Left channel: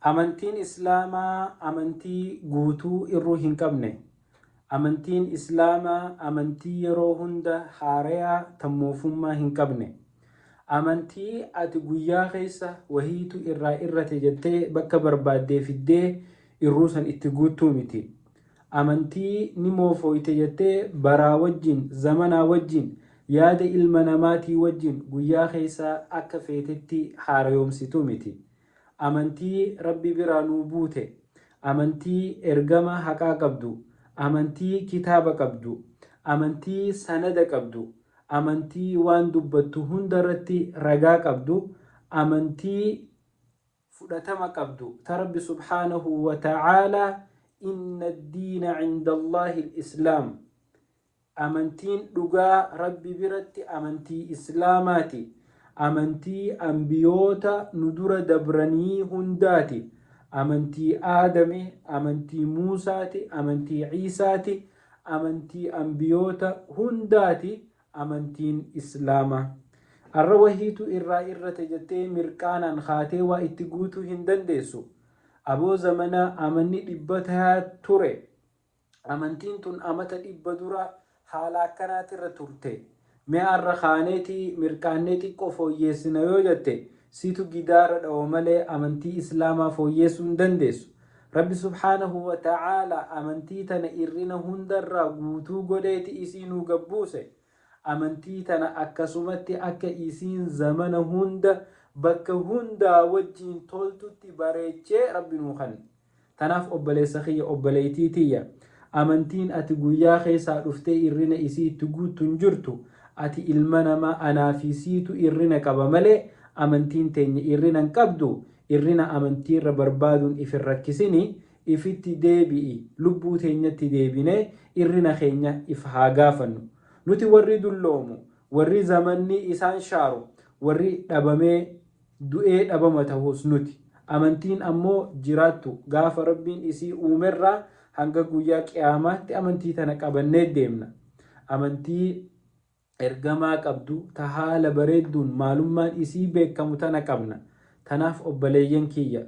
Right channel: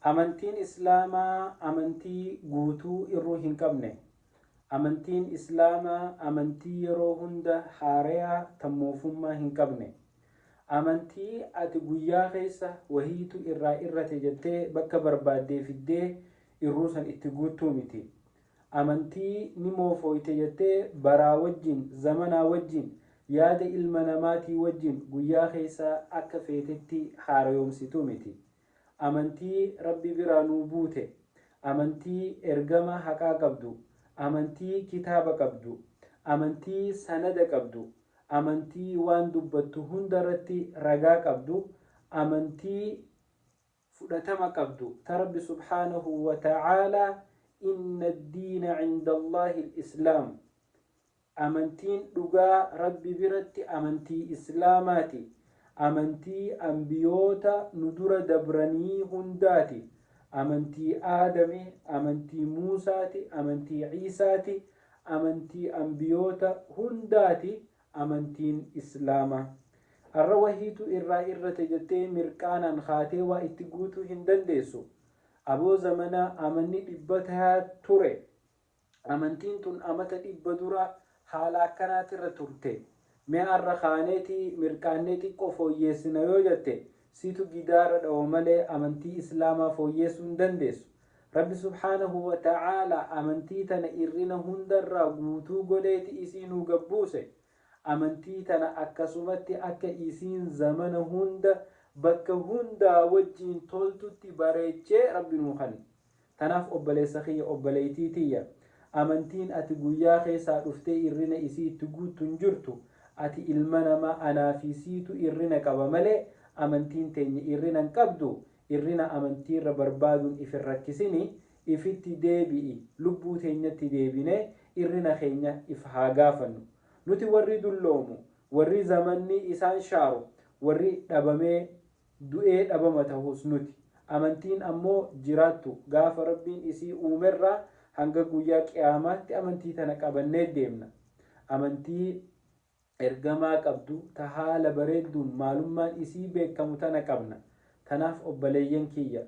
amantiin islaamaa amantii guutuu irruu hin qabne. Amantiin islaamaa amantii yeroo hunda haarayaa tammuufummaa hin qabne. Amantii ati guyyaa keessa wahiitu irraa irrate jettee bakka barbaaddee fiddee irruu san itti guuttuu miti. Amantii ni moofooyte jettee baraa wajjin zamanaa wajjin yaada ilma namaatii wajjin guyyaa keessa akka feetetti haarayoomsitu miti. Amantii rabbi biraa nuu buute, amantii ergama haqaa qabdu, amantii kitaaba qabdu, amantii sanada qabdu, amantii waan dubbattu hundarratti ragaa qabdu, amantii fudhatama qabdu ta rabbi subhaanahu wa ta'aalaa inna ad-diina 'inda Allaahi al-islaam. Amantiin dhugaa rabbi biratti amantii islaamaati. Amantii ambiyoota nu dura dabranii hundaati. Amantii Aadame, amantii Muusaati, amantii Ciisaati, amantii ambiyoota hundaati amantiin islaamaa. Arra wahiitu irraa irrate jettee mirqaanaan kaatee waa itti guutuu hin dandeessu. Aboo zamanaa amanni 100 ture. Amantiin tun amata 100 dura haala akkanaatirra turte. Mee arra kaaneetii mirqaannee xiqqoo fooyyeessina yoo jette situ gidaara dha'oo malee amantii islaamaa fooyyeessuu hin dandeessu. Rabbi subhaanahu wa ta'aalaa amantii tana irrina hundarraa guutuu godheeti isii nuu gabbuuse. Amantii tana akkasumatti akka isiin zamana hunda bakka hundaa wajjiin toltutti bareechee rabbi nuu kanne. Tanaaf obboleessa kiyya obboleettii tiyya amantiin ati guyyaa keessaa dhuftee irrina isii itti guuttu hin jirtu. Ati ilma namaa anaafisiitu irrina qaba malee amantiin teenya irrina hin qabdu. Irrina amantiirra barbaaduun if hin rakkisini, ifitti deebi'i, lubbuu teenyatti deebinee irrina keenya if haa gaafannu. Nuti warri dulloomu, warri zamanni isaan shaaru, warri dhabamee du'ee dhabama ta'us nuti. Amantiin ammoo jiraattu gaafa rabbiin isii uumerraa hanga guyyaa qiyaamaatti amantii tana qabannee deemna. Amantii ergamaa qabdu ta haala bareedduun maalummaan isii beekamu tana qabna. Tanaaf obboleeyyan kiyya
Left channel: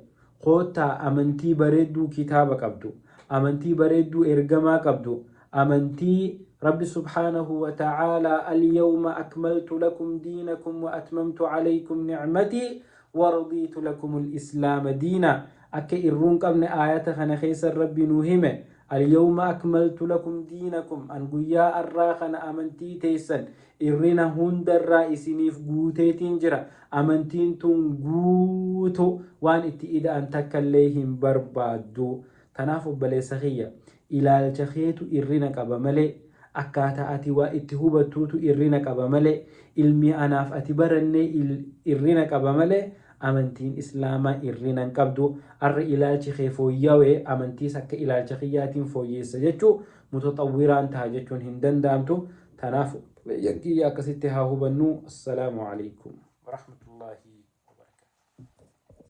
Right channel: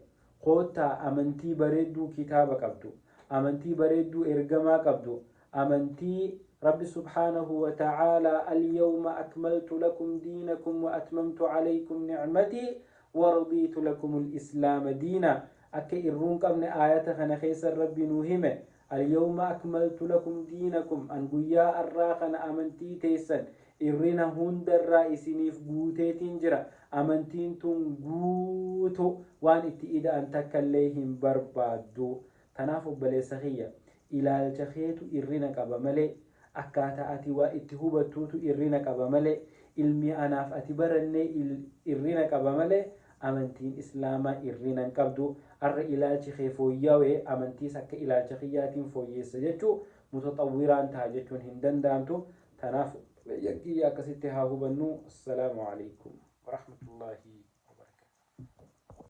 koottaa amantii bareedduu kitaaba qabdu, amantii bareedduu ergamaa qabdu, amantii rabbi subhaanahu wa ta'aalaa al-yawma akmaltu lakum diinakum wa atmamtu alaykum ni'matii wa radiitu lakum al-islaama diina. Akka irruun qabne aayata kana keessa rabbi nuu hime al-yawma akmaltu lakum diinakum an guyyaa arraa kana amantii teessan irrina hundarraa isiniif guuteetiin jira. Amantiin tun guutu waan itti ida'an takkallee hin barbaaddu. Tanaaf obboleessa kiyya ilaalcha keetu irrina qaba malee akkaataa ati waa itti hubattuutu irrina qaba malee ilmi anaaf ati barannee irrina qaba malee amantiin islaamaa irrina hin qabdu. Arra ilaalchi kee fooyyawee amantiis akka ilaalcha kiyyaatiin fooyyeessa jechuu mutaxawwiraan ta'a jechuun hin danda'amtu. Tanaaf yakkiyya akkasitti haa hubannu. Assalaamu alaikum.